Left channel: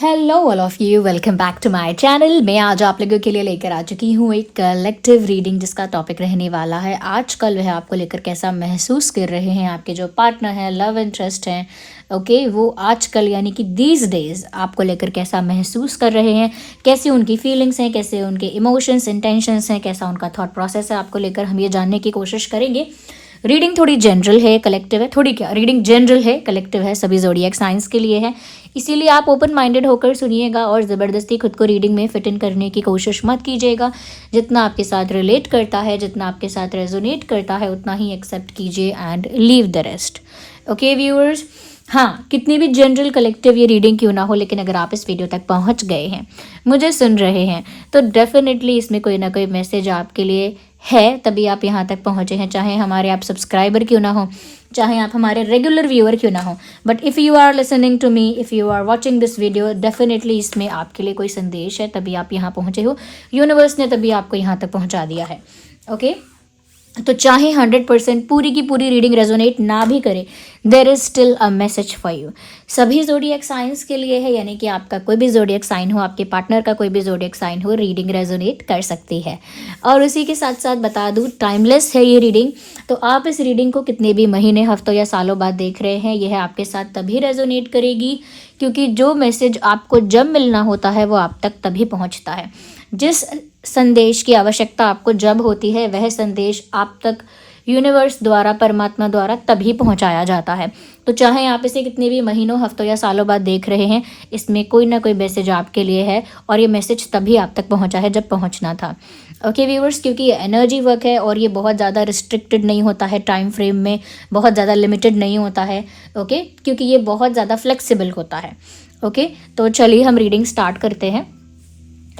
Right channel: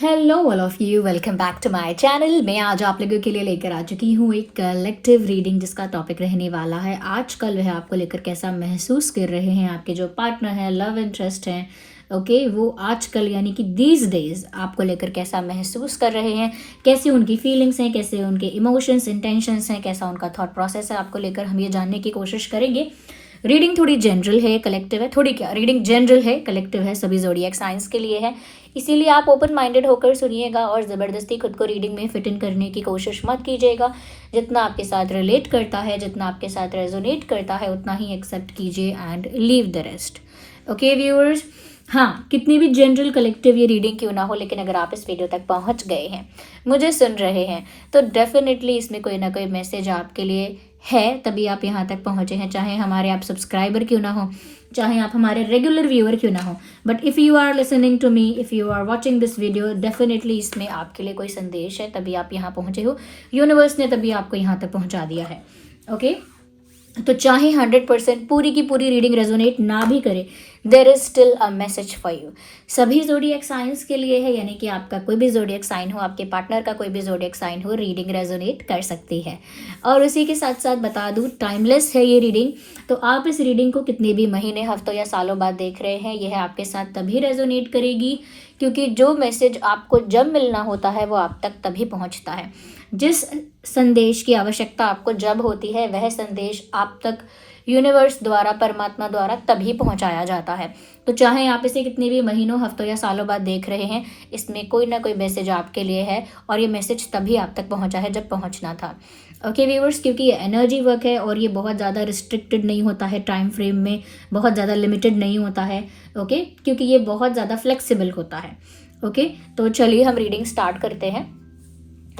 Hello all of you, welcome back to my channel. मैं आज आप लोगों के लिए लेकर आ चुकी हूँ एक कलेक्टिव रीडिंग जिसका टॉपिक रहने वाला है आजकल वह आपको लेकर कैसा महसूस कर रहे हैं आपके जो पार्टनर हैं, लव इंटरेस्ट हैं, ओके वो आजकल यानी कि दीज डेज आपको लेकर कैसा महसूस कर रहे हैं, कैसी उनकी फीलिंग्स हैं, कैसे उनके इमोशंस इंटेंशंस हैं, कैसा उनका थॉट प्रोसेस है, आपको लेकर हम ये जानने की कोशिश करेंगे। रीडिंग थोड़ी जनरल है, कलेक्टिव है, थोड़ी क्या रीडिंग जनरल है, कलेक्टिव है, सभी ज़ोडिएक साइंस के लिए है, इसीलिए आप ओपन माइंडेड होकर सुनिएगा और ज़बरदस्ती खुद को रीडिंग में फिट इन करने की कोशिश मत कीजिएगा। जितना आपके साथ रिलेट करता है, जितना आपके साथ रेजोनेट करता है, उतना ही एक्सेप्ट कीजिए and leave the rest. Okay viewers, हाँ, कितनी भी जनरल कलेक्टिव ये रीडिंग क्यों ना हो, लेकिन अगर आप इस वीडियो तक पहुंच गए हैं, मुझे सुन रहे हैं, तो डेफिनेटली इसमें कोई ना कोई मैसेज आपके लिए है, तभी आप यहाँ तक पहुँचे हैं। चाहे हमारे आप सब्सक्राइबर क्यों ना हो, चाहे आप हमारे रेगुलर व्यूअर क्यों ना हो, but if you are listening to me, if you are watching this video, definitely इसमें आपके लिए कोई संदेश है, तभी आप यहाँ पहुँचे हो। यूनिवर्स ने तभी आपको यहाँ तक पहुँचा दिया है। ओके, तो चाहे 100% पूरी की पूरी रीडिंग रेजोनेट ना भी करे, there is still a message for you. सभी जोडिएक साइंस के लिए है, यानी कि आपका कोई भी जोडिएक साइन हो, आपके पार्टनर का कोई भी जोडिएक साइन हो, रीडिंग रेजोनेट कर सकती है। और उसी के साथ साथ बता दूँ, टाइमलेस है ये रीडिंग, तो आप इस रीडिंग को कितने भी महीने, हफ्तों या सालों बाद देख रहे हैं, यह आपके साथ तभी रेजोनेट करेगी क्योंकि जो मैसेज आपको जब मिलना होता है वो आप तक तभी पहुंचता है। जिस संदेश की आवश्यकता आपको जब होती है, वह संदेश आप तक यूनिवर्स द्वारा, परमात्मा द्वारा तभी पहुंचाया जाता है। तो चाहे आप इसे कितने भी महीनों, हफ्तों या सालों बाद देख रहे हैं, इसमें कोई ना कोई मैसेज आपके लिए है और ये मैसेज तभी आप तक पहुंचा है जब पहुंचना था। ओके व्यूअर्स, क्योंकि ये एनर्जी वर्क है और ये बहुत ज़्यादा रिस्ट्रिक्टेड नहीं होता है, टाइम फ्रेम में बहुत ज़्यादा लिमिटेड नहीं होता है। ओके, क्योंकि ये बहुत ज़्यादा फ्लेक्सिबल होता है। ओके, तो चलिए हम रीडिंग स्टार्ट करते हैं।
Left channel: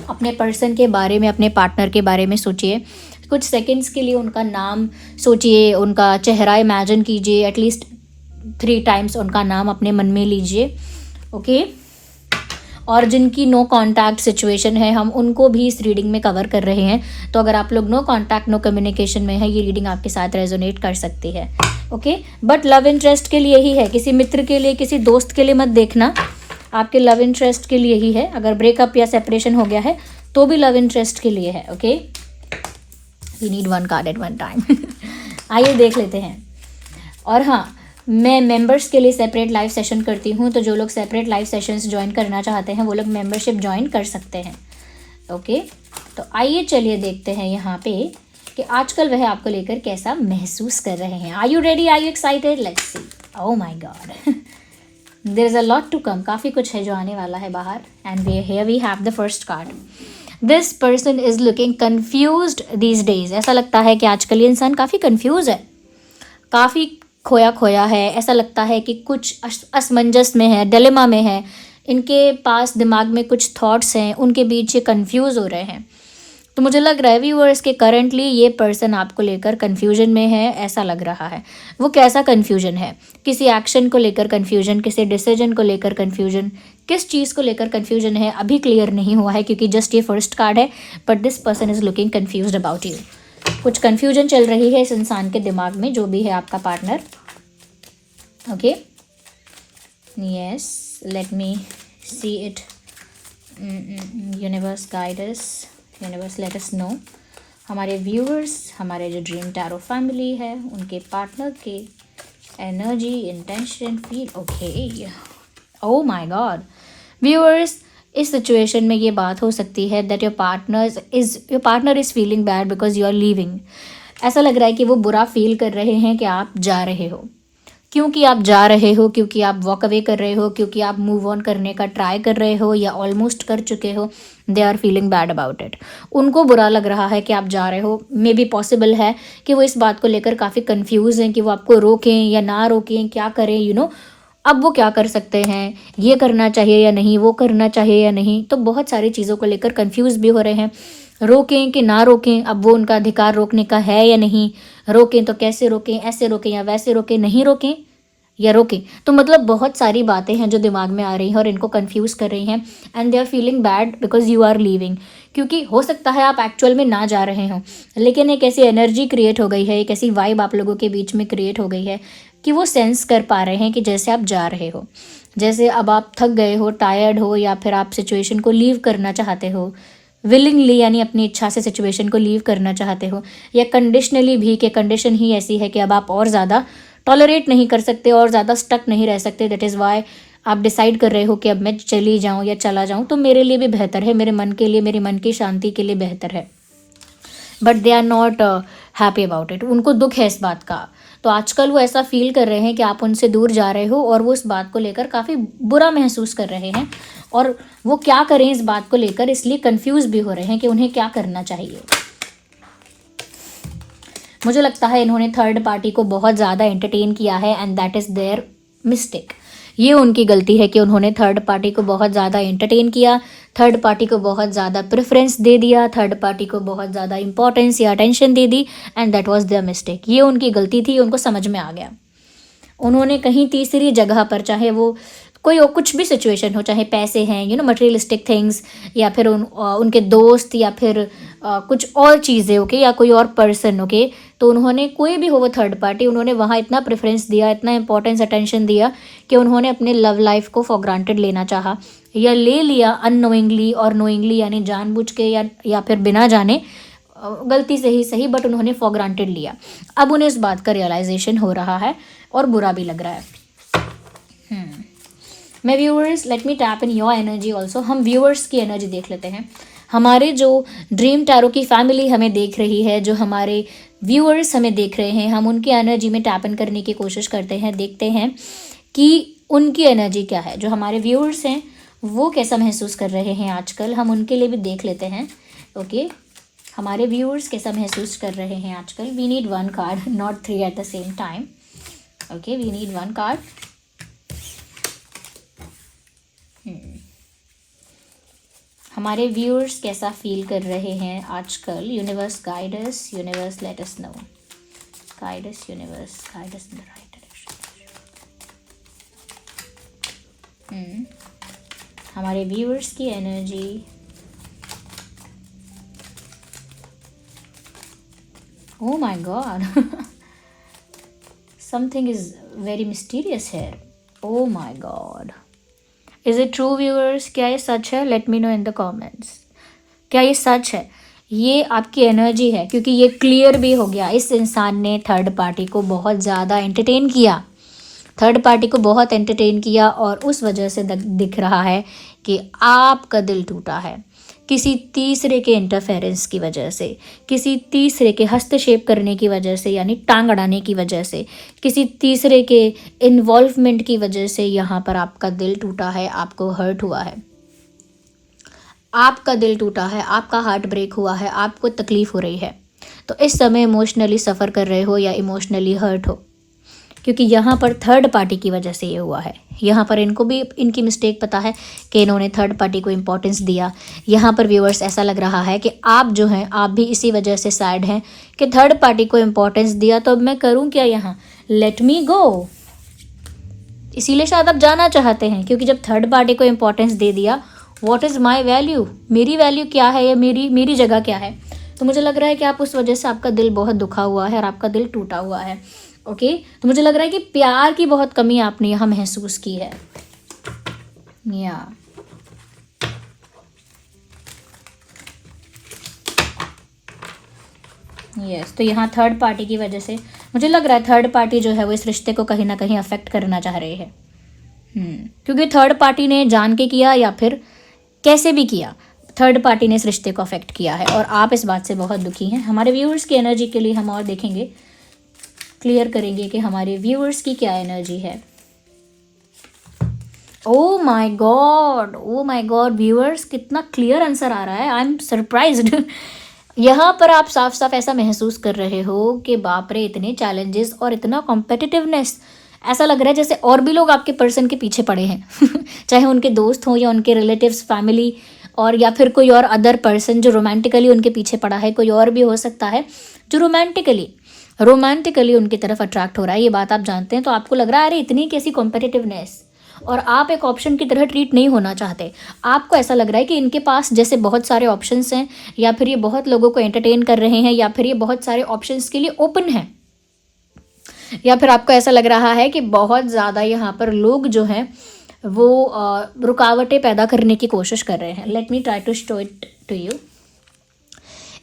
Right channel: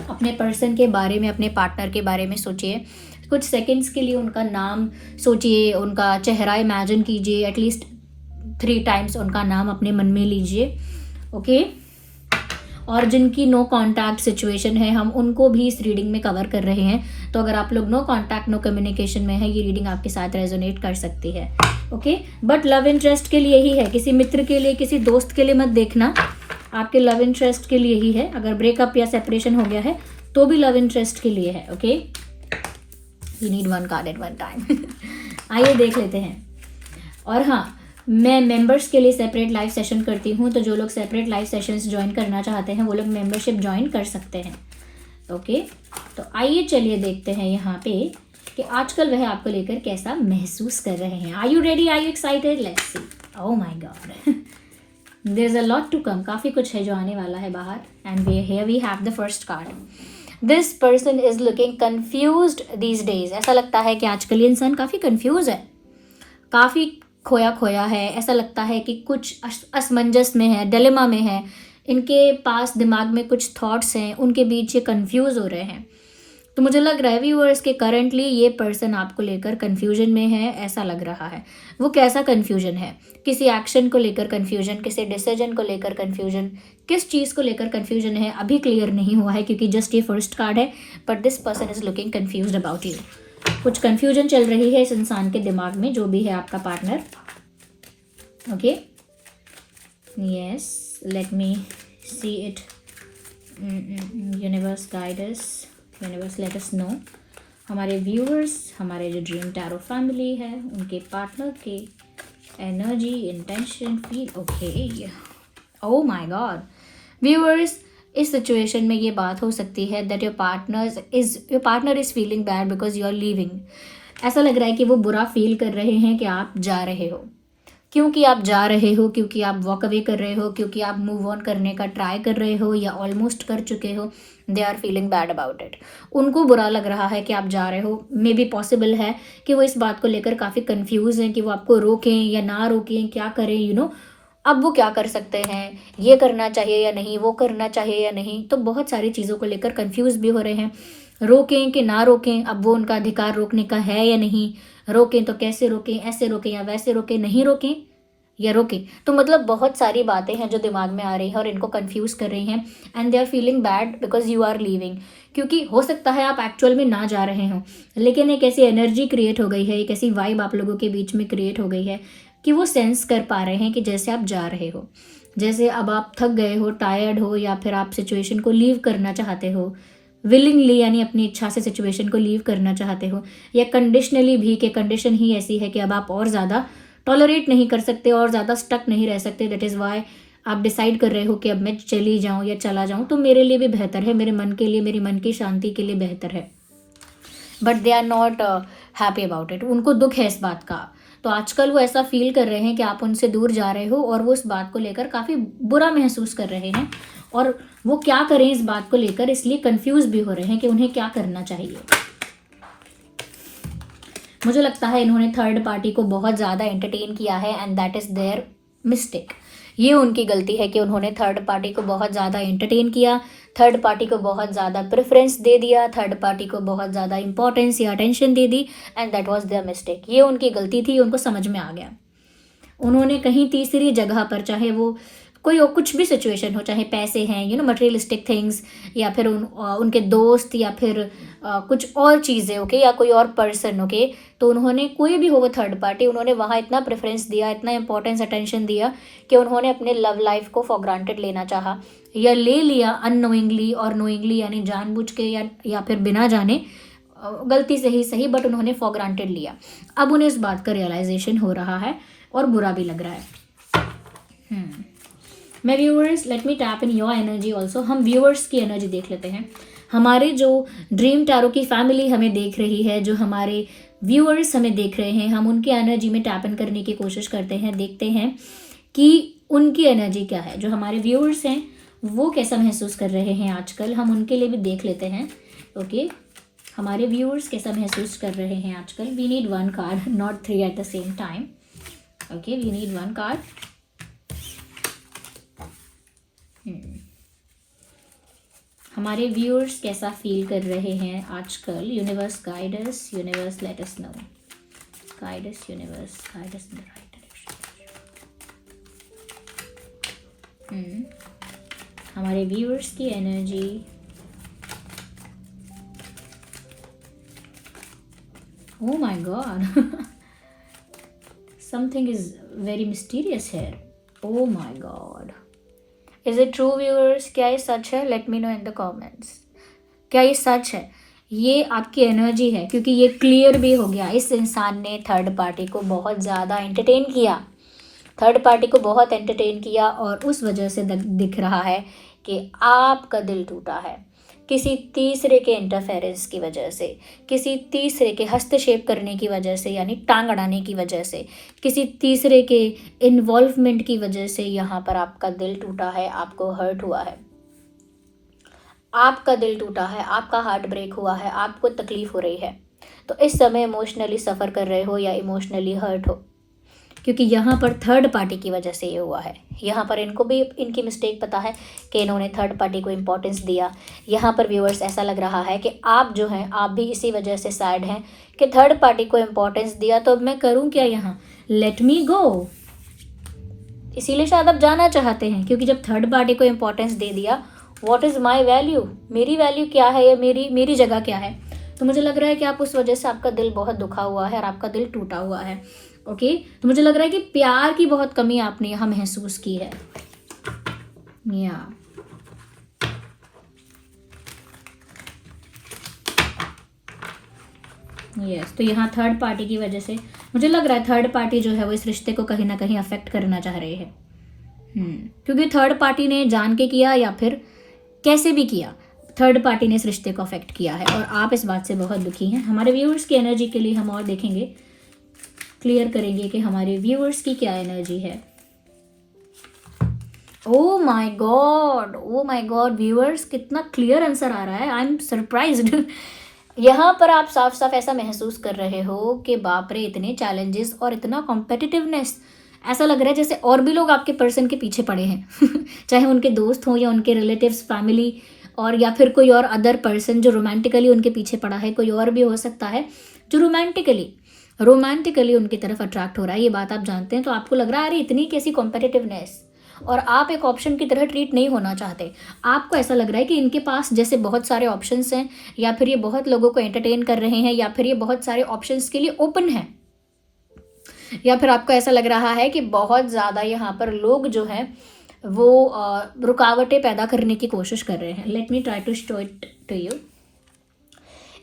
अपने पर्सन के बारे में, अपने पार्टनर के बारे में सोचिए कुछ सेकंड्स के लिए, उनका नाम सोचिए, उनका चेहरा इमेजिन कीजिए, एटलीस्ट 3 टाइम्स उनका नाम अपने मन में लीजिए। ओके, और जिनकी नो कांटेक्ट सिचुएशन है, हम उनको भी इस रीडिंग में कवर कर रहे हैं। तो अगर आप लोग नो कांटेक्ट, नो कम्युनिकेशन में है, ये रीडिंग आपके साथ रेजोनेट कर सकती है। ओके, बट लव इंटरेस्ट के लिए ही है, किसी मित्र के लिए, किसी दोस्त के लिए मत देखना, आपके लव इंटरेस्ट के लिए ही है। अगर ब्रेकअप या सेपरेशन हो गया है तो भी लव इंटरेस्ट के लिए है। Okay, we need 1 card at 1 time. आइए देख लेते हैं। और हाँ, मैं मेंबर्स के लिए सेपरेट लाइव सेशन करती हूँ, तो जो लोग सेपरेट लाइव सेशंस ज्वाइन करना चाहते हैं वो लोग मेंबरशिप ज्वाइन कर सकते हैं। ओके, तो आइए चलिए देखते हैं यहाँ पे कि आजकल वह आपको लेकर कैसा महसूस कर रहे हैं। Are you ready? Are you excited? Let's see. Oh my God, there is a lot to come, काफ़ी कुछ है जो आने वाला है बाहर। And here we have the first card. This person is looking confused these days. ऐसा लगता है कि आजकल ये इंसान काफ़ी कन्फ्यूज है, काफ़ी खोया खोया है। ऐसा लगता है कि कुछ असमंजस में है, डिलेमा में है, इनके पास दिमाग में कुछ थॉट्स हैं, उनके बीच ये कन्फ्यूज़ हो रहे हैं। तो मुझे लग रहा है व्यूअर्स के करंटली ये पर्सन आपको लेकर कन्फ्यूजन में है, ऐसा लग रहा है। वो कैसा कन्फ्यूजन है? किसी एक्शन को लेकर कन्फ्यूजन, किसी डिसीजन को लेकर कन्फ्यूजन, किस चीज़ को लेकर कन्फ्यूजन है अभी क्लियर नहीं हुआ है, क्योंकि जस्ट ये फर्स्ट कार्ड है। But this person is looking confused about you. कुछ कन्फ्यूजन चल रही है इस इंसान के दिमाग में, जो भी है आपका partner. Okay, yes, let me see it. Universe guide us, universe let us know. हमारे व्यूअर्स, हमारे जो ड्रीम टैरो फैमिली है, उनके पार्टनर के energy, intention, feel. Okay, oh my God viewers, इस सिचुएशन में ये बात हो सकती है that your partner is feeling bad because you are leaving. ऐसा लग रहा है कि वो बुरा फील कर रहे हैं कि आप जा रहे हो। क्योंकि आप जा रहे हो, क्योंकि आप वॉक अवे कर रहे हो, क्योंकि आप मूव ऑन करने का ट्राई कर रहे हो या ऑलमोस्ट कर चुके हो, they are feeling bad about it. उनको बुरा लग रहा है कि आप जा रहे हो। मे बी पॉसिबल है कि वो इस बात को लेकर काफ़ी कंफ्यूज हैं कि वो आपको रोकें या ना रोकें, क्या करें, अब वो क्या कर सकते हैं, ये करना चाहिए या नहीं, वो करना चाहिए या नहीं। तो बहुत सारी चीज़ों को लेकर कंफ्यूज भी हो रहे हैं, रोकें कि ना रोकें, अब वो उनका अधिकार रोकने का है या नहीं, रोकें तो कैसे रोकें, ऐसे रोकें या वैसे रोकें, नहीं रोकें या रोकें। तो मतलब बहुत सारी बातें हैं जो दिमाग में आ रही हैं और इनको कंफ्यूज कर रही हैं। And they are feeling bad because you are leaving. क्योंकि हो सकता है आप एक्चुअल में ना जा रहे हों, लेकिन एक ऐसी एनर्जी क्रिएट हो गई है, एक ऐसी वाइब आप लोगों के बीच में क्रिएट हो गई है कि वो सेंस कर पा रहे हैं कि जैसे आप जा रहे हो। जैसे अब आप थक गए हो, टायर्ड हो, या फिर आप सिचुएशन को लीव करना चाहते हो विलिंगली, यानी अपनी इच्छा से सिचुएशन को लीव करना चाहते हो, या कंडीशनली भी कि कंडीशन ही ऐसी है कि अब आप और ज़्यादा टॉलरेट नहीं कर सकते और ज़्यादा स्टक नहीं रह सकते, दैट इज़ वाई आप डिसाइड कर रहे हो कि अब मैं चली जाऊँ या चला जाऊँ तो मेरे लिए भी बेहतर है, मेरे मन के लिए, मेरी मन की शांति के लिए बेहतर है, but they are not happy about it, उनको दुख है इस बात का। तो आजकल वो ऐसा फील कर रहे हैं कि आप उनसे दूर जा रहे हो और वो इस बात को लेकर काफ़ी बुरा महसूस कर रहे हैं, और वो क्या करें इस बात को लेकर इसलिए कंफ्यूज भी हो रहे हैं कि उन्हें क्या करना चाहिए। मुझे लगता है इन्होंने थर्ड पार्टी को बहुत ज़्यादा एंटरटेन किया है and that is their mistake. ये उनकी गलती है कि उन्होंने थर्ड पार्टी को बहुत ज़्यादा एंटरटेन किया, थर्ड पार्टी को बहुत ज़्यादा प्रेफरेंस दे दिया, थर्ड पार्टी को बहुत ज़्यादा इंपॉर्टेंस या attention they the, and that was their mistake. ये उनकी गलती थी, उनको समझ में आ गया। उन्होंने कहीं तीसरी जगह पर, चाहे वो कोई कुछ भी सिचुएशन हो, चाहे पैसे हैं, मटेरियलिस्टिक थिंग्स, या फिर उनके दोस्त, या फिर कुछ और चीज़ें, ओके, या कोई और पर्सन, ओके, तो उन्होंने, कोई भी हो वो थर्ड पार्टी, उन्होंने वहाँ इतना प्रेफरेंस दिया, इतना इंपॉर्टेंस अटेंशन दिया कि उन्होंने अपने लव लाइफ को फॉर ग्रांटेड लेना चाहा, या ले लिया अननोइंगली और नोइंगली, यानी जानबूझ के या फिर बिना जाने, गलती से ही सही, बट उन्होंने फॉर ग्रांटेड लिया। अब उन्हें इस बात का रियलाइजेशन हो रहा है और बुरा भी लग रहा है। मैं viewers, let me tap in your energy also. हम व्यूअर्स की एनर्जी देख लेते हैं। हमारे जो ड्रीम टैरो की फैमिली हमें देख रही है, जो हमारे व्यूअर्स हमें देख रहे हैं, हम उनकी एनर्जी में टैप इन करने की कोशिश करते हैं, देखते हैं कि उनकी एनर्जी क्या है। जो हमारे व्यूअर्स हैं वो कैसा महसूस कर रहे हैं आजकल, हम उनके लिए भी देख लेते हैं। ओके, हमारे व्यूअर्स कैसा महसूस कर रहे हैं आजकल। We need one card, not 3 at the same time. Okay, we need one card. हमारे व्यूअर्स कैसा फील कर रहे हैं आजकल। Universe guide us, universe let us know, guide us universe, guide us in the right direction. हमारे viewers की energy, oh my god, something is very mysterious here, oh my god, is it true viewers? क्या ये सच है? let me know in the comments, क्या ये सच है? ये आपकी एनर्जी है, क्योंकि ये क्लियर भी हो गया। इस इंसान ने थर्ड पार्टी को बहुत ज़्यादा एंटरटेन किया, थर्ड पार्टी को बहुत एंटरटेन किया, और उस वजह से दिख रहा है कि आपका दिल टूटा है किसी तीसरे के इंटरफेरेंस की वजह से, किसी तीसरे के हस्तक्षेप करने की वजह से, यानी टांग अड़ाने की वजह से, किसी तीसरे के इन्वॉल्वमेंट की वजह से यहाँ पर आपका दिल टूटा है, आपको हर्ट हुआ है, आपका दिल टूटा है, आपका हार्ट ब्रेक हुआ है, आपको तकलीफ हो रही है। तो इस समय इमोशनली सफ़र कर रहे हो या इमोशनली हर्ट हो, क्योंकि यहाँ पर थर्ड पार्टी की वजह से ये हुआ है। यहाँ पर इनको भी इनकी मिस्टेक पता है कि इन्होंने थर्ड पार्टी को इम्पोर्टेंस दिया। यहाँ पर व्यूअर्स ऐसा लग रहा है कि आप जो हैं, आप भी इसी वजह से सैड हैं कि थर्ड पार्टी को इम्पोर्टेंस दिया, तो अब मैं करूँ क्या यहाँ, लेट मी गो। इसीलिए शायद आप जाना चाहते हैं, क्योंकि जब थर्ड पार्टी को इम्पोर्टेंस दे दिया, व्हाट इज़ माई वैल्यू, मेरी वैल्यू क्या है, या मेरी जगह क्या है। तो मुझे लग रहा है कि आप उस वजह से, आपका दिल बहुत दुखा हुआ है और आपका दिल टूटा हुआ है। ओके, तो मुझे लग रहा है कि प्यार की बहुत कमी आपने यहाँ महसूस की है। या यस, तो यहाँ थर्ड पार्टी की वजह से मुझे लग रहा है थर्ड पार्टी जो है वो इस रिश्ते को कहीं ना कहीं अफेक्ट करना चाह रहे हैं। क्योंकि थर्ड पार्टी ने जान के किया या फिर कैसे भी किया, थर्ड पार्टी ने इस रिश्ते को अफेक्ट किया है, और आप इस बात से बहुत दुखी हैं। हमारे व्यूअर्स की एनर्जी के लिए हम और देखेंगे, क्लियर करेंगे कि हमारे व्यूअर्स की क्या एनर्जी है। ओ माय गॉड व्यूअर्स, कितना क्लियर आंसर आ रहा है, आई एम सरप्राइज्ड। यहाँ पर आप साफ साफ ऐसा महसूस कर रहे हो कि बाप रे, इतने चैलेंजेस और इतना कॉम्पिटिटिवनेस, ऐसा लग रहा है जैसे और भी लोग आपके पर्सन के पीछे पड़े हैं चाहे उनके दोस्त हों या उनके रिलेटिव्स, फैमिली, और या फिर कोई और अदर पर्सन जो रोमांटिकली उनके पीछे पड़ा है, कोई और भी हो सकता है जो रोमांटिकली उनकी तरफ अट्रैक्ट हो रहा है। ये बात आप जानते हैं, तो आपको लग रहा है अरे इतनी कैसी कॉम्पिटिटिवनेस, और आप एक ऑप्शन की तरह ट्रीट नहीं होना चाहते। आपको ऐसा लग रहा है कि इनके पास जैसे बहुत सारे ऑप्शंस हैं, या फिर ये बहुत लोगों को एंटरटेन कर रहे हैं, या फिर ये बहुत सारे ऑप्शंस के लिए ओपन हैं, या फिर आपको ऐसा लग रहा है कि बहुत ज़्यादा यहाँ पर लोग जो हैं वो रुकावटें पैदा करने की कोशिश कर रहे हैं। Let me try to show it to you.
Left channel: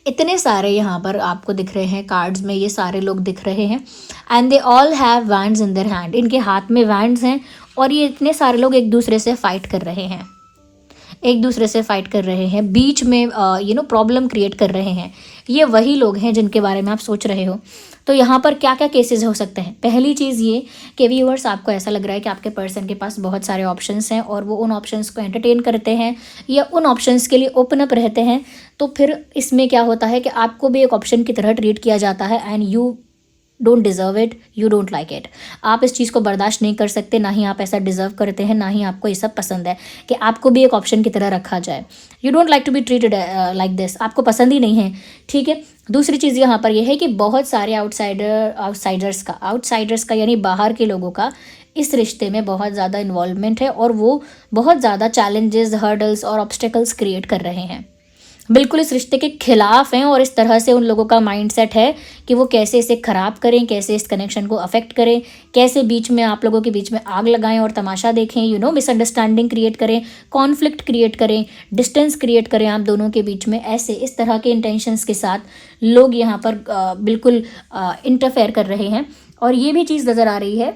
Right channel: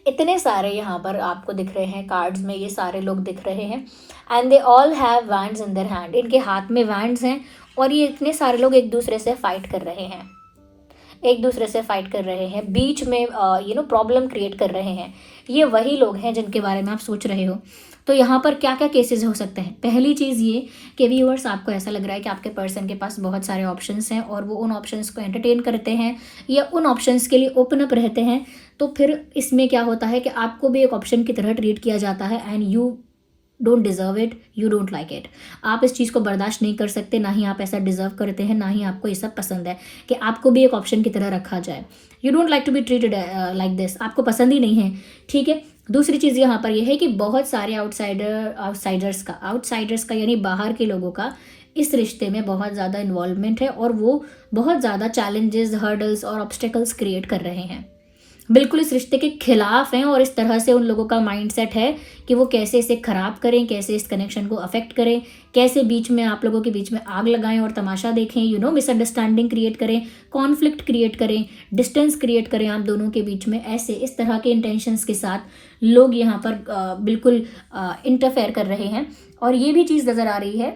इतने सारे यहाँ पर आपको दिख रहे हैं कार्ड्स में, ये सारे लोग दिख रहे हैं and they all have wands in their hand. इनके हाथ में वैंड्स हैं और ये इतने सारे लोग एक दूसरे से फाइट कर रहे हैं, एक दूसरे से फाइट कर रहे हैं, बीच में प्रॉब्लम क्रिएट कर रहे हैं। ये वही लोग हैं जिनके बारे में आप सोच रहे हो। तो यहाँ पर क्या क्या केसेस हो सकते हैं? पहली चीज़ ये कि व्यूअर्स, आपको ऐसा लग रहा है कि आपके पर्सन के पास बहुत सारे ऑप्शंस हैं और वो उन ऑप्शंस को एंटरटेन करते हैं या उन ऑप्शंस के लिए ओपन अप रहते हैं। तो फिर इसमें क्या होता है कि आपको भी एक ऑप्शन की तरह ट्रीट किया जाता है and you don't deserve it, you don't like it. आप इस चीज़ को बर्दाश्त नहीं कर सकते, ना ही आप ऐसा डिज़र्व करते हैं, ना ही आपको ये सब पसंद है कि आपको भी एक ऑप्शन की तरह रखा जाए। You don't like to be treated like this, आपको पसंद ही नहीं है, ठीक है। दूसरी चीज़ यहाँ पर यह है कि बहुत सारे आउटसाइडर्स का यानी बाहर के लोगों का इस रिश्ते में बहुत ज़्यादा इन्वॉल्वमेंट है और वो बहुत ज़्यादा चैलेंजेस, हर्डल्स और ऑब्स्टेकल्स क्रिएट कर रहे हैं, बिल्कुल इस रिश्ते के खिलाफ हैं। और इस तरह से उन लोगों का माइंडसेट है कि वो कैसे इसे ख़राब करें, कैसे इस कनेक्शन को अफेक्ट करें, कैसे बीच में आप लोगों के बीच में आग लगाएं और तमाशा देखें, मिसअंडरस्टैंडिंग क्रिएट करें, कॉन्फ्लिक्ट क्रिएट करें, डिस्टेंस क्रिएट करें आप दोनों के बीच में। ऐसे इस तरह के इंटेंशंस के साथ लोग यहाँ पर बिल्कुल इंटरफेयर कर रहे हैं। और ये भी चीज़ नज़र आ रही है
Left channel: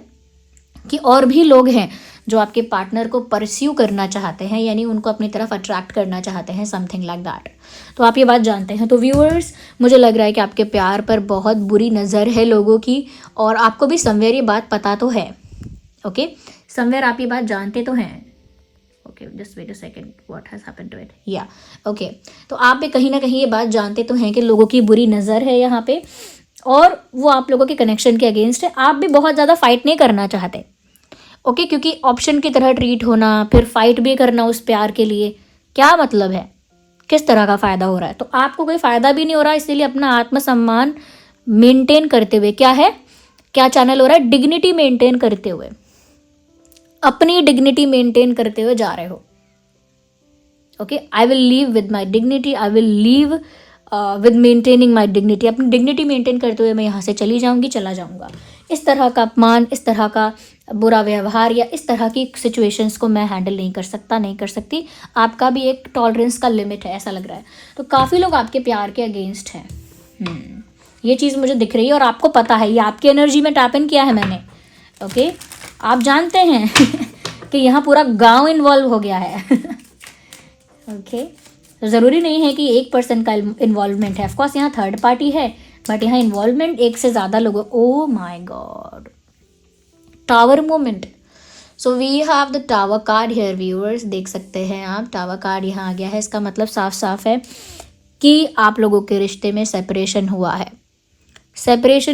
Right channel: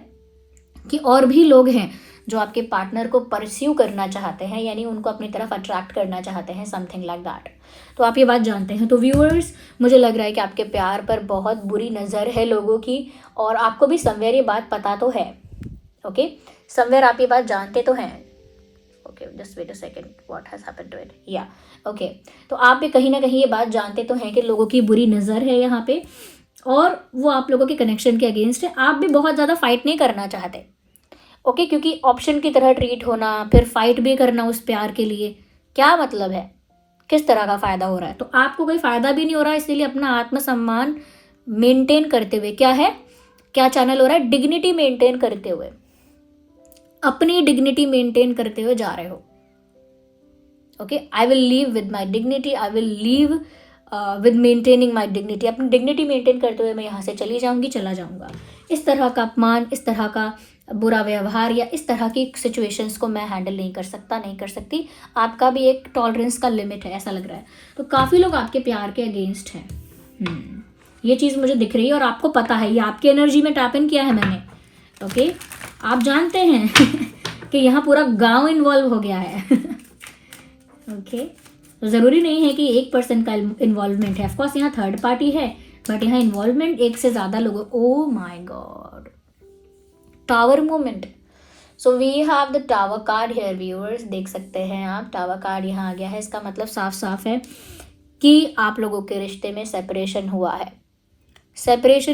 कि और भी लोग हैं जो आपके पार्टनर को परस्यू करना चाहते हैं, यानी उनको अपनी तरफ अट्रैक्ट करना चाहते हैं, समथिंग लाइक दैट। तो आप ये बात जानते हैं। तो व्यूअर्स, मुझे लग रहा है कि आपके प्यार पर बहुत बुरी नज़र है लोगों की और आपको भी समवेयर ये बात पता तो है। ओके, समवेयर आप ये बात जानते तो हैं। Okay, just wait a second, what has happened to it, या ओके। तो आप भी कहीं ना कहीं ये बात जानते तो हैं कि लोगों की बुरी नज़र है यहाँ पे और वो आप लोगों के कनेक्शन के अगेंस्ट है। आप भी बहुत ज़्यादा फाइट नहीं करना चाहते, ओके, क्योंकि ऑप्शन की तरह ट्रीट होना, फिर फाइट भी करना उस प्यार के लिए, क्या मतलब है, किस तरह का फ़ायदा हो रहा है? तो आपको कोई फ़ायदा भी नहीं हो रहा, इसीलिए अपना आत्मसम्मान मेंटेन करते हुए क्या चैनल हो रहा है, डिग्निटी मेंटेन करते हुए, अपनी डिग्निटी मेंटेन करते हुए जा रहे हो। Okay, I will leave with my dignity, I will leave with maintaining my dignity. अपनी डिग्निटी मेंटेन करते हुए मैं यहाँ से चला जाऊँगा। इस तरह का अपमान, इस तरह का बुरा व्यवहार या इस तरह की सिचुएशंस को मैं हैंडल नहीं कर सकती। आपका भी एक टॉलरेंस का लिमिट है, ऐसा लग रहा है। तो काफ़ी लोग आपके प्यार के अगेंस्ट हैं, ये चीज़ मुझे दिख रही है और आपको पता है, ये आपकी एनर्जी में टैप इन किया है मैंने। ओके, आप जानते हैं कि यहाँ पूरा गांव इन्वॉल्व हो गया है। ओके, तो ज़रूरी नहीं है कि एक पर्सन का इन्वॉल्वमेंट है, ऑफकोर्स यहाँ थर्ड पार्टी है, बट यहाँ इन्वॉल्वमेंट एक से ज़्यादा लोगों। Oh my God, tower moment. So we have the tower card here viewers, देख सकते हैं आप, टावर कार्ड यहाँ आ गया है। इसका मतलब साफ साफ है कि आप लोगों के रिश्ते में सेपरेशन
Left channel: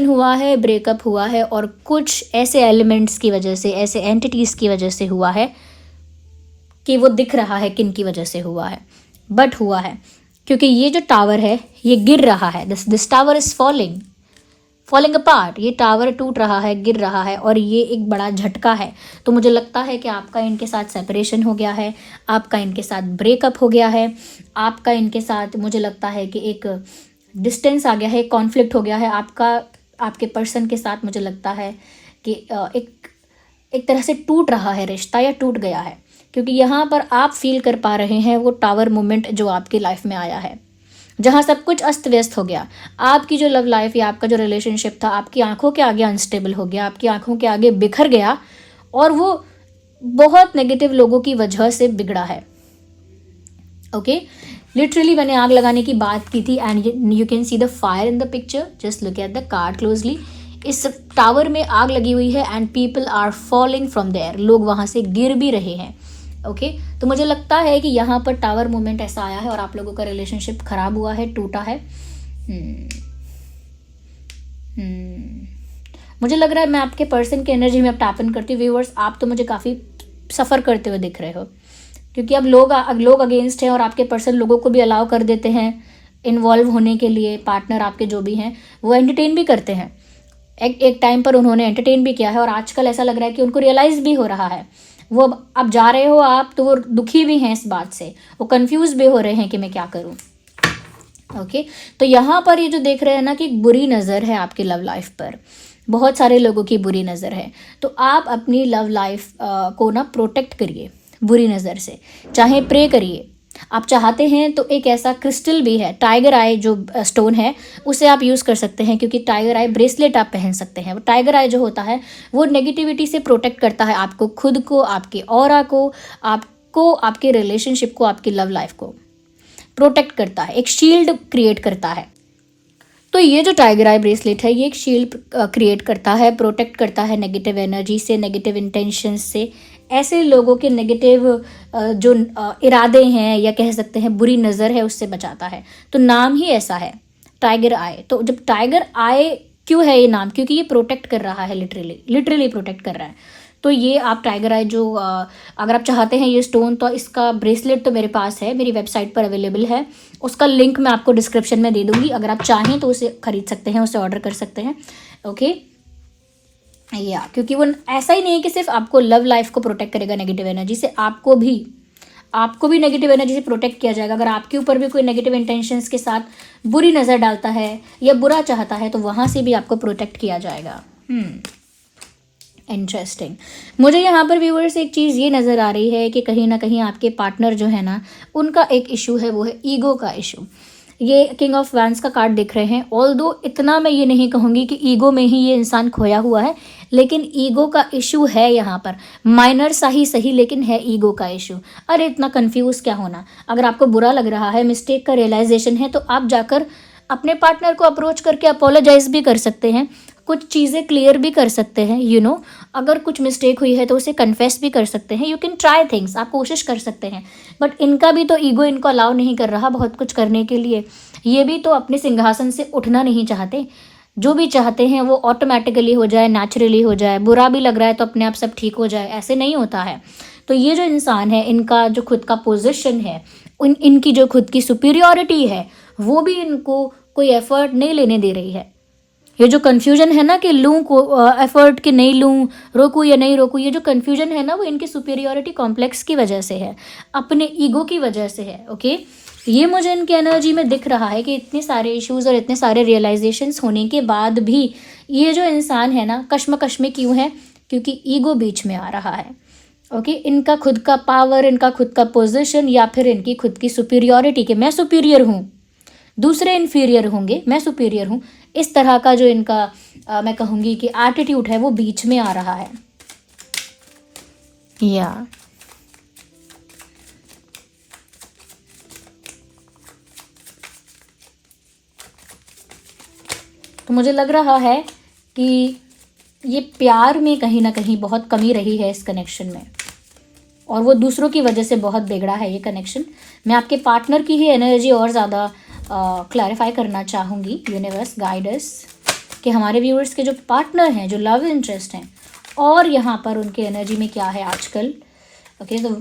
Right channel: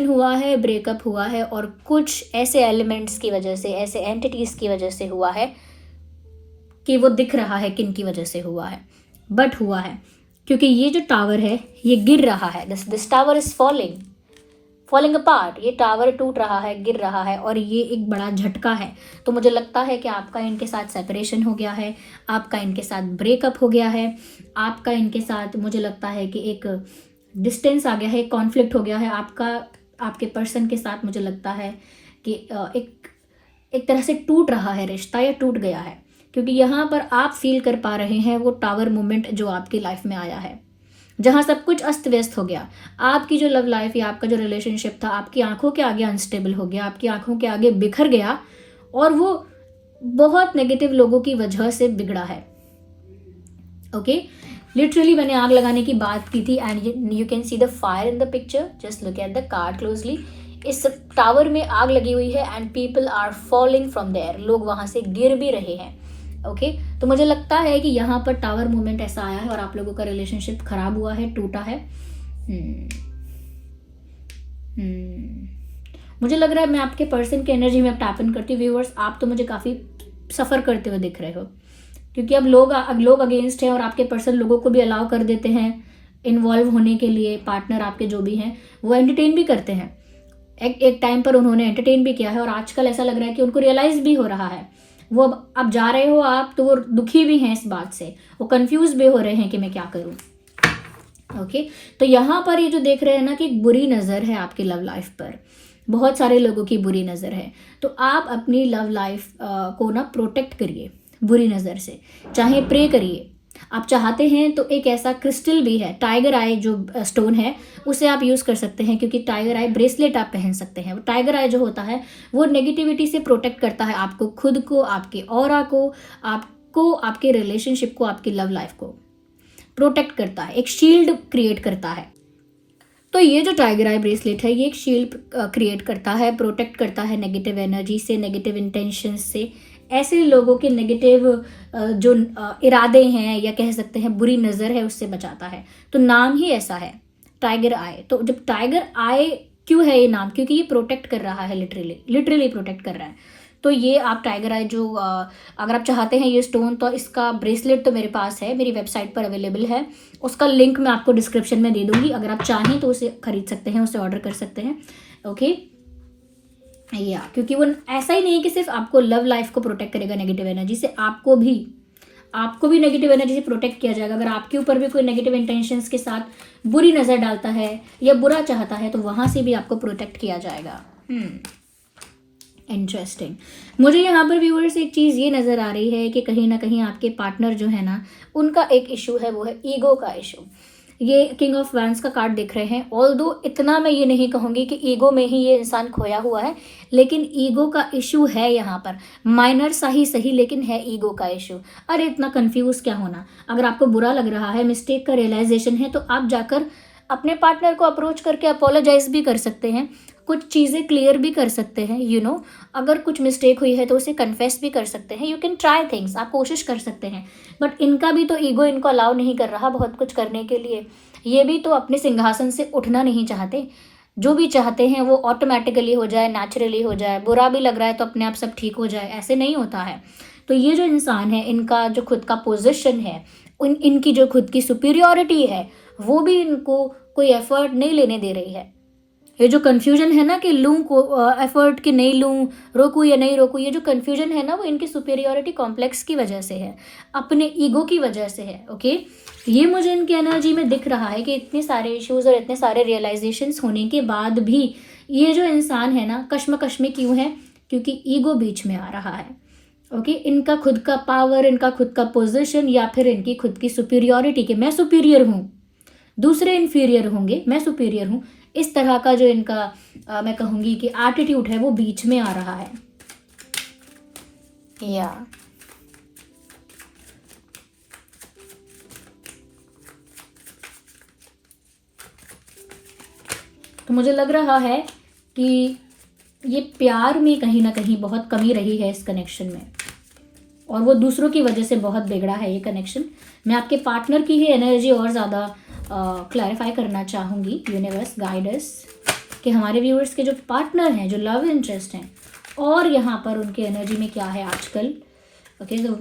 हुआ है, ब्रेकअप हुआ है और कुछ ऐसे एलिमेंट्स की वजह से, ऐसे एंटिटीज़ की वजह से हुआ है कि वो दिख रहा है किन की वजह से हुआ है, बट हुआ है क्योंकि ये जो टावर है ये गिर रहा है। This tower is falling apart, ये टावर टूट रहा है, गिर रहा है और ये एक बड़ा झटका है। तो मुझे लगता है कि आपका इनके साथ सेपरेशन हो गया है, आपका इनके साथ ब्रेकअप हो गया है, आपका इनके साथ मुझे लगता है कि एक डिस्टेंस आ गया है, कॉन्फ्लिक्ट हो गया है आपके पर्सन के साथ। मुझे लगता है कि एक तरह से टूट रहा है रिश्ता या टूट गया है, क्योंकि यहाँ पर आप फील कर पा रहे हैं वो टावर मोमेंट जो आपकी लाइफ में आया है, जहाँ सब कुछ अस्त व्यस्त हो गया। आपकी जो लव लाइफ या आपका जो रिलेशनशिप था आपकी आंखों के आगे अनस्टेबल हो गया, आपकी आंखों के आगे बिखर गया और वो बहुत नेगेटिव लोगों की वजह से बिगड़ा है। ओके, लिटरली मैंने आग लगाने की बात की थी and you can see the fire in the picture, just look at the card closely. इस टावर में आग लगी हुई है and people are falling from there, लोग वहाँ से गिर भी रहे हैं। ओके, तो मुझे लगता है कि यहाँ पर टावर मोमेंट ऐसा आया है और आप लोगों का रिलेशनशिप खराब हुआ है, टूटा है। मुझे लग रहा है मैं आपके पर्सन की एनर्जी में अब टैप इन करती हूँ। व्यूअर्स, आप तो मुझे काफ़ी सफ़र करते हुए दिख रहे हो, क्योंकि अब लोग अगेंस्ट हैं और आपके पर्सन लोगों को भी अलाउ कर देते हैं इन्वॉल्व होने के लिए। पार्टनर आपके जो भी हैं वो एंटरटेन भी करते हैं, एक टाइम पर उन्होंने एंटरटेन भी किया है और आजकल ऐसा लग रहा है कि उनको रियलाइज़ भी हो रहा है। वो अब जा रहे हो आप तो वो दुखी भी हैं इस बात से, वो कंफ्यूज भी हो रहे हैं कि मैं क्या करूं। ओके, तो यहाँ पर ये जो देख रहे हैं ना कि बुरी नज़र है आपकी लव लाइफ पर, बहुत सारे लोगों की बुरी नज़र है। तो आप अपनी लव लाइफ को ना प्रोटेक्ट करिए बुरी नज़र से, चाहे प्रे करिए। आप चाहते हैं तो एक ऐसा क्रिस्टल भी है, टाइगर आई जो स्टोन है, उसे आप यूज़ कर सकते हैं, क्योंकि टाइगर आई ब्रेसलेट आप पहन सकते हैं। वो टाइगर आई जो होता है वो नेगेटिविटी से प्रोटेक्ट करता है आपको, खुद को, आपके ऑरा को, आपको, आपके रिलेशनशिप को, आपकी लव लाइफ को प्रोटेक्ट करता है, एक शील्ड क्रिएट करता है। तो ये जो टाइगर आई ब्रेसलेट है ये एक शील्ड क्रिएट करता है, प्रोटेक्ट करता है नेगेटिव एनर्जी से, नेगेटिव इंटेंशंस से, ऐसे लोगों के नेगेटिव जो इरादे हैं या कह सकते हैं बुरी नज़र है उससे बचाता है। तो नाम ही ऐसा है टाइगर आई। तो जब टाइगर आई क्यों है ये नाम, क्योंकि ये प्रोटेक्ट कर रहा है, लिटरली प्रोटेक्ट कर रहा है। तो ये आप टाइगर आई जो अगर आप चाहते हैं ये स्टोन, तो इसका ब्रेसलेट तो मेरे पास है, मेरी वेबसाइट पर अवेलेबल है, उसका लिंक मैं आपको डिस्क्रिप्शन में दे दूंगी। अगर आप चाहें तो उसे खरीद सकते हैं, उसे ऑर्डर कर सकते हैं। ओके या क्योंकि वो ऐसा ही नहीं है कि सिर्फ आपको लव लाइफ को प्रोटेक्ट करेगा नेगेटिव एनर्जी से, आपको भी नेगेटिव एनर्जी से प्रोटेक्ट किया जाएगा। अगर आपके ऊपर भी कोई नेगेटिव इंटेंशंस के साथ बुरी नज़र डालता है या बुरा चाहता है तो वहाँ से भी आपको प्रोटेक्ट किया जाएगा। इंटरेस्टिंग। मुझे यहाँ पर व्यूअर्स एक चीज़ ये नज़र आ रही है कि कहीं ना कहीं आपके पार्टनर जो है ना, उनका एक इशू है, वो है ईगो का इशू। ये किंग ऑफ वैंस का कार्ड दिख रहे हैं। ऑल्दो इतना मैं ये नहीं कहूँगी कि ईगो में ही ये इंसान खोया हुआ है, लेकिन ईगो का इशू है यहाँ पर, माइनर सा ही सही, लेकिन है ईगो का इशू। अरे इतना कंफ्यूज क्या होना, अगर आपको बुरा लग रहा है, मिस्टेक का रियलाइजेशन है, तो आप जाकर अपने पार्टनर को अप्रोच करके अपोलोजाइज भी कर सकते हैं, कुछ चीज़ें क्लियर भी कर सकते हैं। अगर कुछ मिस्टेक हुई है तो उसे कन्फेस भी कर सकते हैं। यू कैन ट्राई थिंग्स, आप कोशिश कर सकते हैं। बट इनका भी तो ईगो इनको अलाउ नहीं कर रहा बहुत कुछ करने के लिए। ये भी तो अपने सिंहासन से उठना नहीं चाहते। जो भी चाहते हैं वो ऑटोमेटिकली हो जाए, नेचुरली हो जाए। बुरा भी लग रहा है तो अपने आप सब ठीक हो जाए, ऐसे नहीं होता है। तो ये जो इंसान है, इनका जो खुद का पोजीशन है, इनकी जो खुद की सुपीरियॉरिटी है, वो भी इनको कोई एफर्ट नहीं लेने दे रही है। ये जो कन्फ्यूजन है ना कि लूँ को एफर्ट कि नहीं लूँ, रोकूँ या नहीं रोकूँ, ये जो कन्फ्यूजन है ना वो इनके सुपीरियॉरिटी कॉम्प्लेक्स की वजह से है, अपने ईगो की वजह से है। ओके, ये मुझे इनकी एनर्जी में दिख रहा है कि इतने सारे इश्यूज और इतने सारे रियलाइजेशंस होने के बाद भी ये जो इंसान है ना कश्मकश में क्यों है, क्योंकि ईगो बीच में आ रहा है। ओके, इनका खुद का पावर, इनका खुद का पोजीशन, या फिर इनकी खुद की सुपीरियॉरिटी कि मैं सुपीरियर हूँ, दूसरे इन्फीरियर होंगे, मैं सुपीरियर हूँ, इस तरह का जो इनका मैं कहूँगी कि एटीट्यूड है वो बीच में आ रहा है। या तो मुझे लग रहा है कि ये प्यार में कहीं ना कहीं बहुत कमी रही है इस कनेक्शन में, और वो दूसरों की वजह से बहुत बिगड़ा है ये कनेक्शन। मैं आपके पार्टनर की ही एनर्जी और ज़्यादा क्लैरिफाई करना चाहूँगी। यूनिवर्स गाइडर्स कि हमारे व्यूअर्स के जो पार्टनर हैं, जो लव इंटरेस्ट हैं, और यहाँ पर उनके एनर्जी में क्या है आजकल। ओके, तो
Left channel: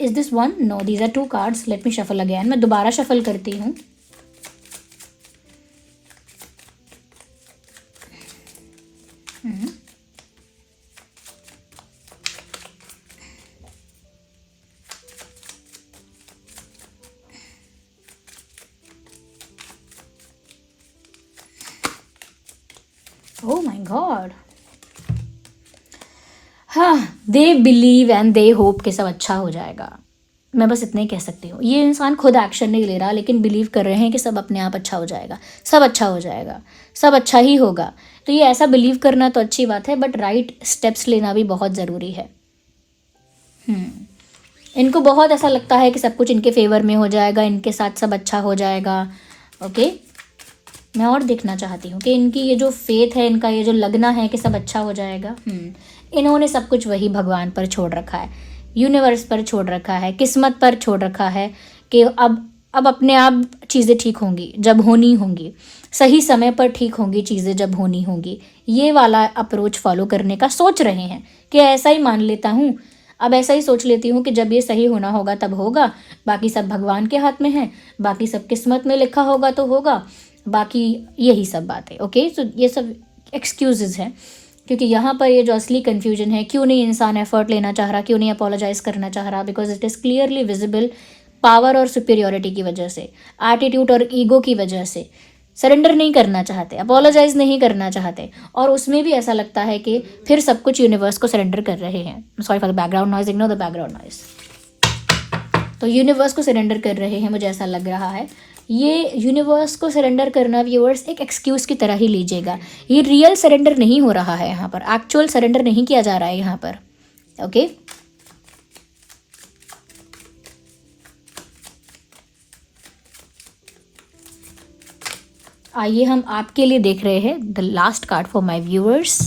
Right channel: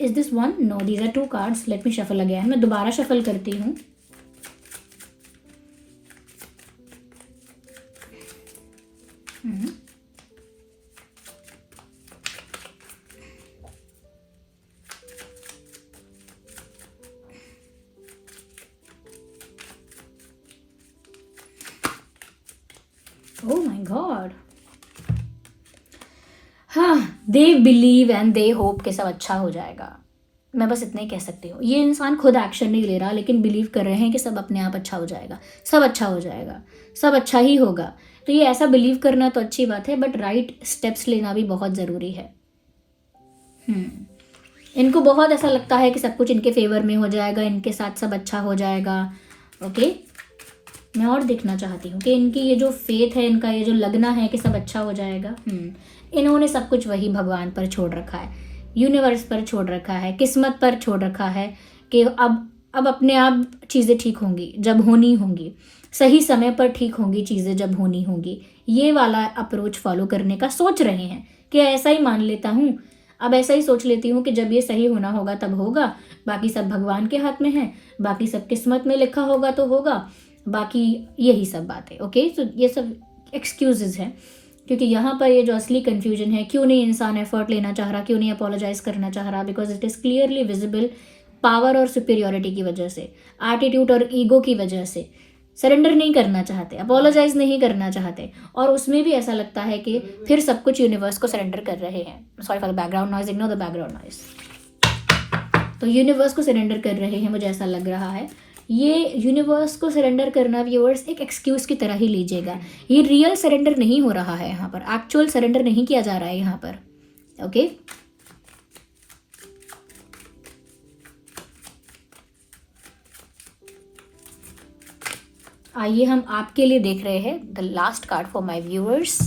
is this one? No, these are 2 cards. Let me shuffle again. मैं दोबारा शफल करती हूँ। Oh my god. हाँ, they believe and they hope कि सब अच्छा हो जाएगा। मैं बस इतना ही कह सकती हूँ। ये इंसान खुद एक्शन नहीं ले रहा, लेकिन बिलीव कर रहे हैं कि सब अपने आप अच्छा हो जाएगा, सब अच्छा हो जाएगा, सब अच्छा ही होगा। तो ये ऐसा बिलीव करना तो अच्छी बात है, बट राइट स्टेप्स लेना भी बहुत ज़रूरी है। इनको बहुत ऐसा लगता है कि सब कुछ इनके फेवर में हो जाएगा, इनके साथ सब अच्छा हो जाएगा। ओके, मैं और देखना चाहती हूँ कि इनकी ये जो फेथ है, इनका ये जो लगना है कि सब अच्छा हो जाएगा, इन्होंने सब कुछ वही भगवान पर छोड़ रखा है, यूनिवर्स पर छोड़ रखा है, किस्मत पर छोड़ रखा है कि अब अपने आप चीज़ें ठीक होंगी जब होनी होंगी, सही समय पर ठीक होंगी चीज़ें जब होनी होंगी। ये वाला अप्रोच फॉलो करने का सोच रहे हैं कि ऐसा ही मान लेता हूँ, अब ऐसा ही सोच लेती हूँ कि जब ये सही होना होगा तब होगा, बाकी सब भगवान के हाथ में है, बाकी सब किस्मत में लिखा होगा तो होगा, बाकी यही सब बातें। ओके, तो ये सब एक्सक्यूजेज हैं, क्योंकि यहाँ पर ये जो असली कन्फ्यूजन है, क्यों नहीं इंसान एफर्ट लेना चाह रहा, क्यों नहीं अपोलोजाइज करना चाह रहा, because it is clearly visible power और सुपीरियॉरिटी की वजह से, एटीट्यूड और ईगो की वजह से, सरेंडर नहीं करना चाहते, अपोलोजाइज नहीं करना चाहते, और उसमें भी ऐसा लगता है कि फिर सब कुछ यूनिवर्स को सरेंडर कर रहे हैं। Sorry for the background noise, ignore the background noise. तो यूनिवर्स को सरेंडर कर रहे हैं, मुझे ऐसा लग रहा है। ये यूनिवर्स को सरेंडर करना व्यूअर्स एक एक्सक्यूज़ की तरह ही लीजिएगा। ये रियल सरेंडर नहीं हो रहा है यहाँ पर, एक्चुअल सरेंडर नहीं किया जा रहा है यहाँ पर। ओके आइए हम आपके लिए देख रहे हैं the last card for my viewers.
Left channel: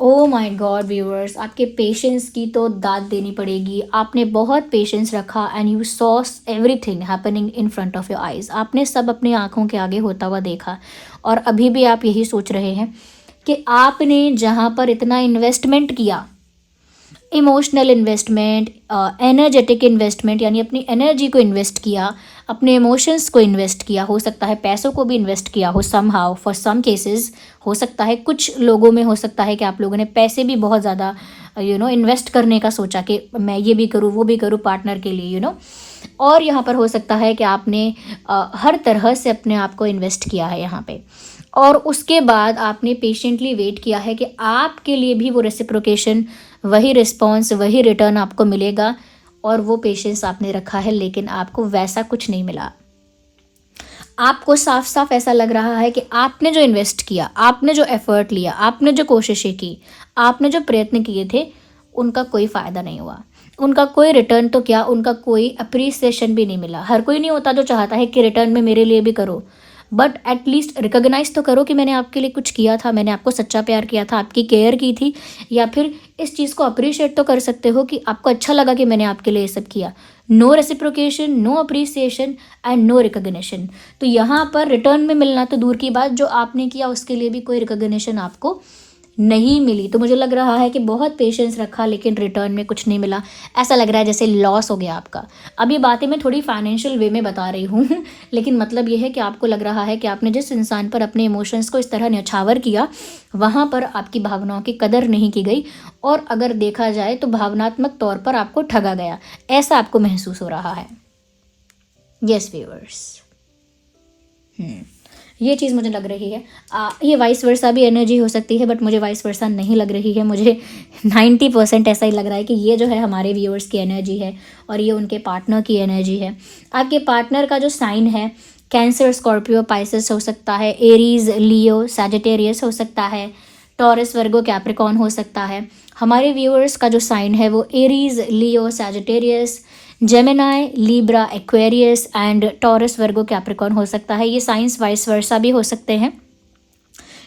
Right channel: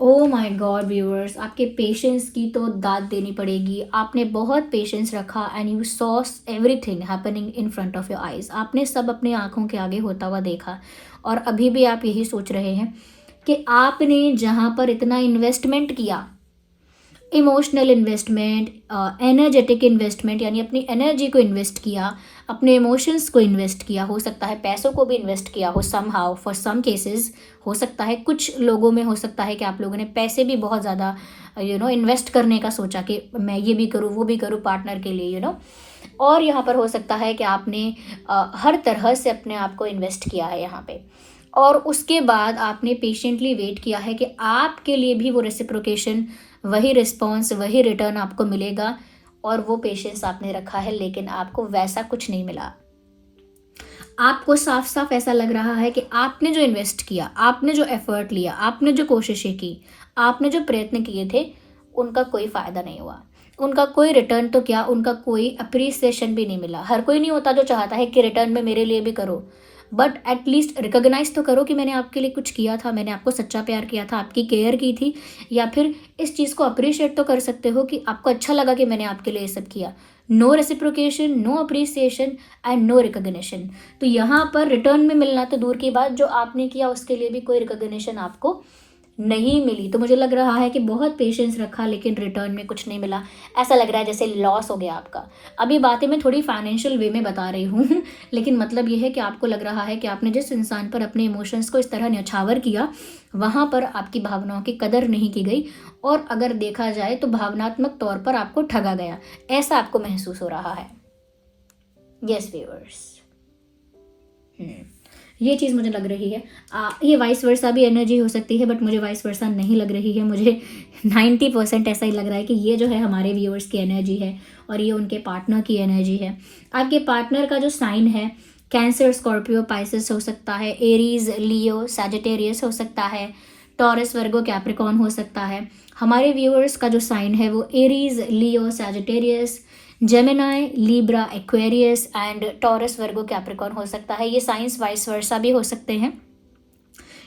O my God viewers, आपके पेशेंस की तो दाद देनी पड़ेगी। आपने बहुत पेशेंस रखा and you saw everything happening in front of your eyes. आपने सब अपनी आंखों के आगे होता हुआ देखा, और अभी भी आप यही सोच रहे हैं कि आपने जहाँ पर इतना इन्वेस्टमेंट किया, इमोशनल इन्वेस्टमेंट, एनर्जेटिक इन्वेस्टमेंट, यानी अपनी एनर्जी को इन्वेस्ट किया, अपने इमोशंस को इन्वेस्ट किया, हो सकता है पैसों को भी इन्वेस्ट किया हो समहाउ, फॉर सम केसेस हो सकता है, कुछ लोगों में हो सकता है कि आप लोगों ने पैसे भी बहुत ज़्यादा इन्वेस्ट करने का सोचा कि मैं ये भी करूँ वो भी करूँ पार्टनर के लिए और यहाँ पर हो सकता है कि आपने हर तरह से अपने आप को इन्वेस्ट किया है यहाँ पे, और उसके बाद आपने पेशेंटली वेट किया है कि आपके लिए भी वो रेसिप्रोकेशन, वही रिस्पॉन्स, वही रिटर्न आपको मिलेगा, और वो पेशेंस आपने रखा है, लेकिन आपको वैसा कुछ नहीं मिला। आपको साफ साफ ऐसा लग रहा है कि आपने जो इन्वेस्ट किया, आपने जो एफर्ट लिया, आपने जो कोशिशें की, आपने जो प्रयत्न किए थे, उनका कोई फ़ायदा नहीं हुआ, उनका कोई रिटर्न तो क्या, उनका कोई अप्रिसिएशन भी नहीं मिला। हर कोई नहीं होता जो चाहता है कि रिटर्न में मेरे लिए भी करो, बट एटलीस्ट रिकॉग्नाइज तो करो कि मैंने आपके लिए कुछ किया था, मैंने आपको सच्चा प्यार किया था, आपकी केयर की थी, या फिर इस चीज़ को अप्रिशिएट तो कर सकते हो कि आपको अच्छा लगा कि मैंने आपके लिए ये सब किया। No reciprocation, no appreciation and no recognition. तो यहाँ पर रिटर्न में मिलना तो दूर की बात, जो आपने किया उसके लिए भी कोई रिकॉग्निशन आपको नहीं मिली। तो मुझे लग रहा है कि बहुत पेशेंस रखा, लेकिन रिटर्न में कुछ नहीं मिला। ऐसा लग रहा है जैसे लॉस हो गया आपका। अभी बातें मैं थोड़ी फाइनेंशियल वे में बता रही हूँ लेकिन मतलब ये है कि आपको लग रहा है कि आपने जिस इंसान पर अपने इमोशंस को इस तरह न्यौछावर किया, वहाँ पर आपकी भावनाओं की कदर नहीं की गई, और अगर देखा जाए तो भावनात्मक तौर पर आपको ठगा गया, ऐसा आपको महसूस हो रहा है। यस व्यूअर्स, ये चीज़ मुझे लग रही है। ये वाइस वर्सा भी एनर्जी हो सकती है, बट मुझे वाइस वर्सा नहीं लग रही है। मुझे 90% ऐसा ही लग रहा है कि ये जो है हमारे व्यूअर्स की एनर्जी है, और ये उनके पार्टनर की एनर्जी है। आपके पार्टनर का जो साइन है, कैंसर, स्कॉर्पियो, पाइसेस हो सकता है, एरीज, लियो, सैजिटेरियस हो सकता है, टॉरस, वर्गो, कैप्रिकॉर्न हो सकता है। हमारे व्यूअर्स का जो साइन है वो Aries, Leo, Sagittarius, Gemini, Libra, Aquarius and taurus, Virgo, Capricorn हो सकता है। ये साइंस वाइस वर्सा भी हो सकते हैं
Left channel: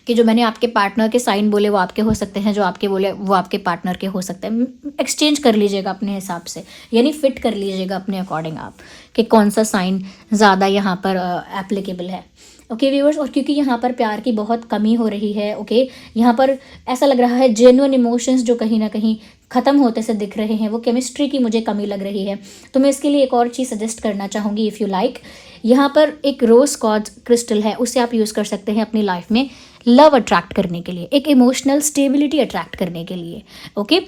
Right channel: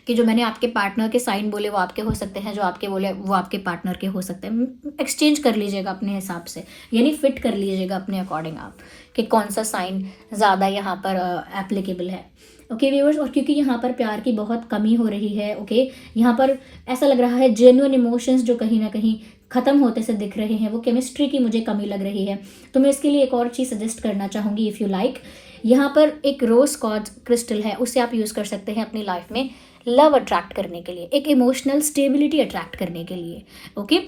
कि जो मैंने आपके पार्टनर के साइन बोले वो आपके हो सकते हैं, जो आपके बोले वो आपके पार्टनर के हो सकते हैं। एक्सचेंज कर लीजिएगा अपने हिसाब से, यानी फिट कर लीजिएगा अपने अकॉर्डिंग आप कि कौन सा साइन ज़्यादा यहाँ पर एप्लीकेबल है। ओके व्यूअर्स, और क्योंकि यहाँ पर प्यार की बहुत कमी हो रही है, ओके, यहाँ पर ऐसा लग रहा है जेन्युइन इमोशंस जो कहीं ना कहीं ख़त्म होते से दिख रहे हैं, वो केमिस्ट्री की मुझे कमी लग रही है। तो मैं इसके लिए एक और चीज़ सजेस्ट करना चाहूँगी, इफ़ यू लाइक। यहाँ पर एक रोज़ क्वार्ट्ज क्रिस्टल है, उसे आप यूज़ कर सकते हैं अपनी लाइफ में लव अट्रैक्ट करने के लिए, एक इमोशनल स्टेबिलिटी अट्रैक्ट करने के लिए। ओके,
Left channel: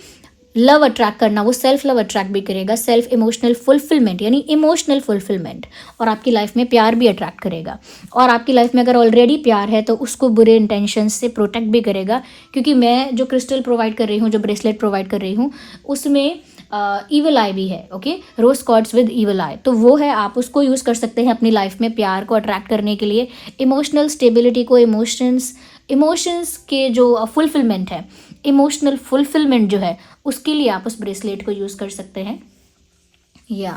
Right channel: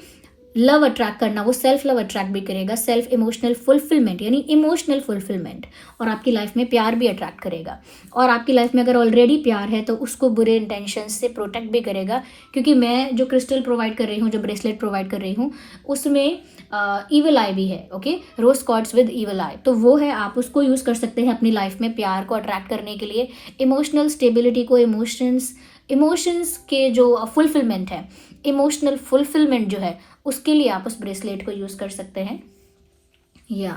लव अट्रैक्ट करना, वो सेल्फ लव अट्रैक्ट भी करेगा, सेल्फ इमोशनल फुलफिलमेंट यानी इमोशनल फुलफिलमेंट, और आपकी लाइफ में प्यार भी अट्रैक्ट करेगा। और आपकी लाइफ में अगर ऑलरेडी प्यार है तो उसको बुरे इंटेंशन से प्रोटेक्ट भी करेगा, क्योंकि मैं जो क्रिस्टल प्रोवाइड कर रही हूँ, जो ब्रेसलेट प्रोवाइड कर रही हूँ, उसमें ईवल आई भी है। Okay, rose quartz with evil eye, तो वो है, आप उसको यूज़ कर सकते हैं अपनी लाइफ में प्यार को अट्रैक्ट करने के लिए, इमोशनल स्टेबिलिटी को, इमोशंस के जो फुलफिलमेंट है, इमोशनल फुलफिलमेंट जो है, उसके लिए आप उस ब्रेसलेट को यूज़ कर सकते हैं, या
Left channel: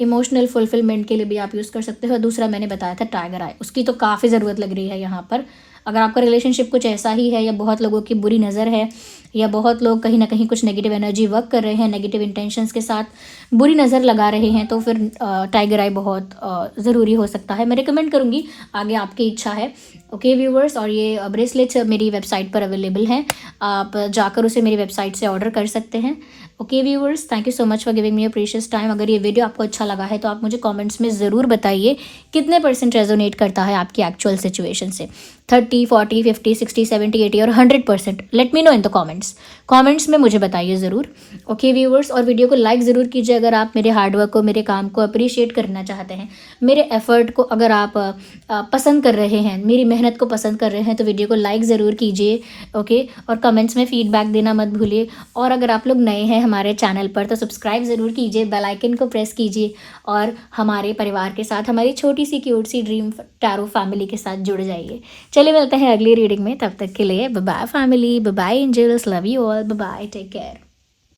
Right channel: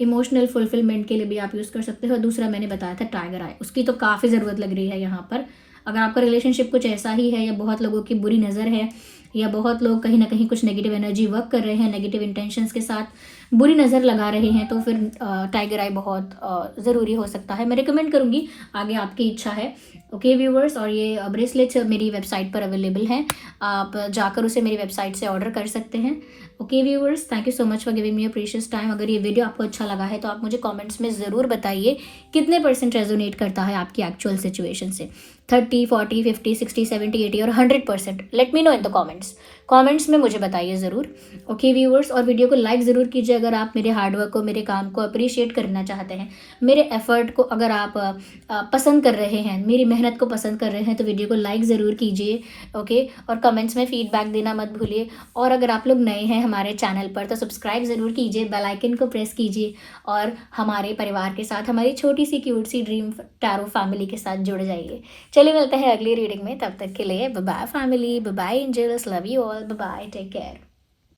इमोशनल फुलफिलमेंट के लिए भी आप यूज़ कर सकते हो। दूसरा मैंने बताया था टाइगर आई, उसकी तो काफ़ी ज़रूरत लग रही है यहाँ पर। अगर आपका रिलेशनशिप कुछ ऐसा ही है, या बहुत लोगों की बुरी नज़र है, या बहुत लोग कहीं ना कहीं कुछ नेगेटिव एनर्जी वर्क कर रहे हैं, नेगेटिव इंटेंशंस के साथ बुरी नज़र लगा रहे हैं, तो फिर टाइगर आई बहुत ज़रूरी हो सकता है। मैं रिकमेंड करूँगी, आगे आपकी इच्छा है। ओके व्यूवर्स, और ये ब्रेसलेट्स मेरी वेबसाइट पर अवेलेबल हैं, आप जाकर उसे मेरी वेबसाइट से ऑर्डर कर सकते हैं। Okay viewers, thank you so much for giving me your precious time. अगर ये वीडियो आपको अच्छा लगा है तो आप मुझे कमेंट्स में ज़रूर बताइए कितने % रेजोनेट करता है आपकी एक्चुअल सिचुएशन से। 30, 40, 50, 60, 70, 80 और 100%? Let me know in the comments में मुझे बताइए ज़रूर। ओके व्यूअर्स, और वीडियो को लाइक ज़रूर कीजिए अगर आप मेरे हार्डवर्क को, मेरे काम को अप्रिशिएट करना चाहते हैं, मेरे एफर्ट को अगर आप पसंद कर रहे हैं, मेरी मेहनत को पसंद कर रहे हैं, तो वीडियो को लाइक ज़रूर कीजिए। ओके, और कमेंट्स में फीडबैक देना मत भूलिए। और अगर आप लोग नए हैं हमारे चैनल पर तो सब्सक्राइब ज़रूर कीजिए, बेल आइकन को प्रेस कीजिए और हमारे परिवार के साथ, हमारी छोटी सी क्यूट सी ड्रीम टैरो फैमिली के साथ जुड़ जाइए। चलिए मिलते हैं अगली रीडिंग में, तब तक के लिए bye bye family, bye bye angels, love you all, bye bye, take care.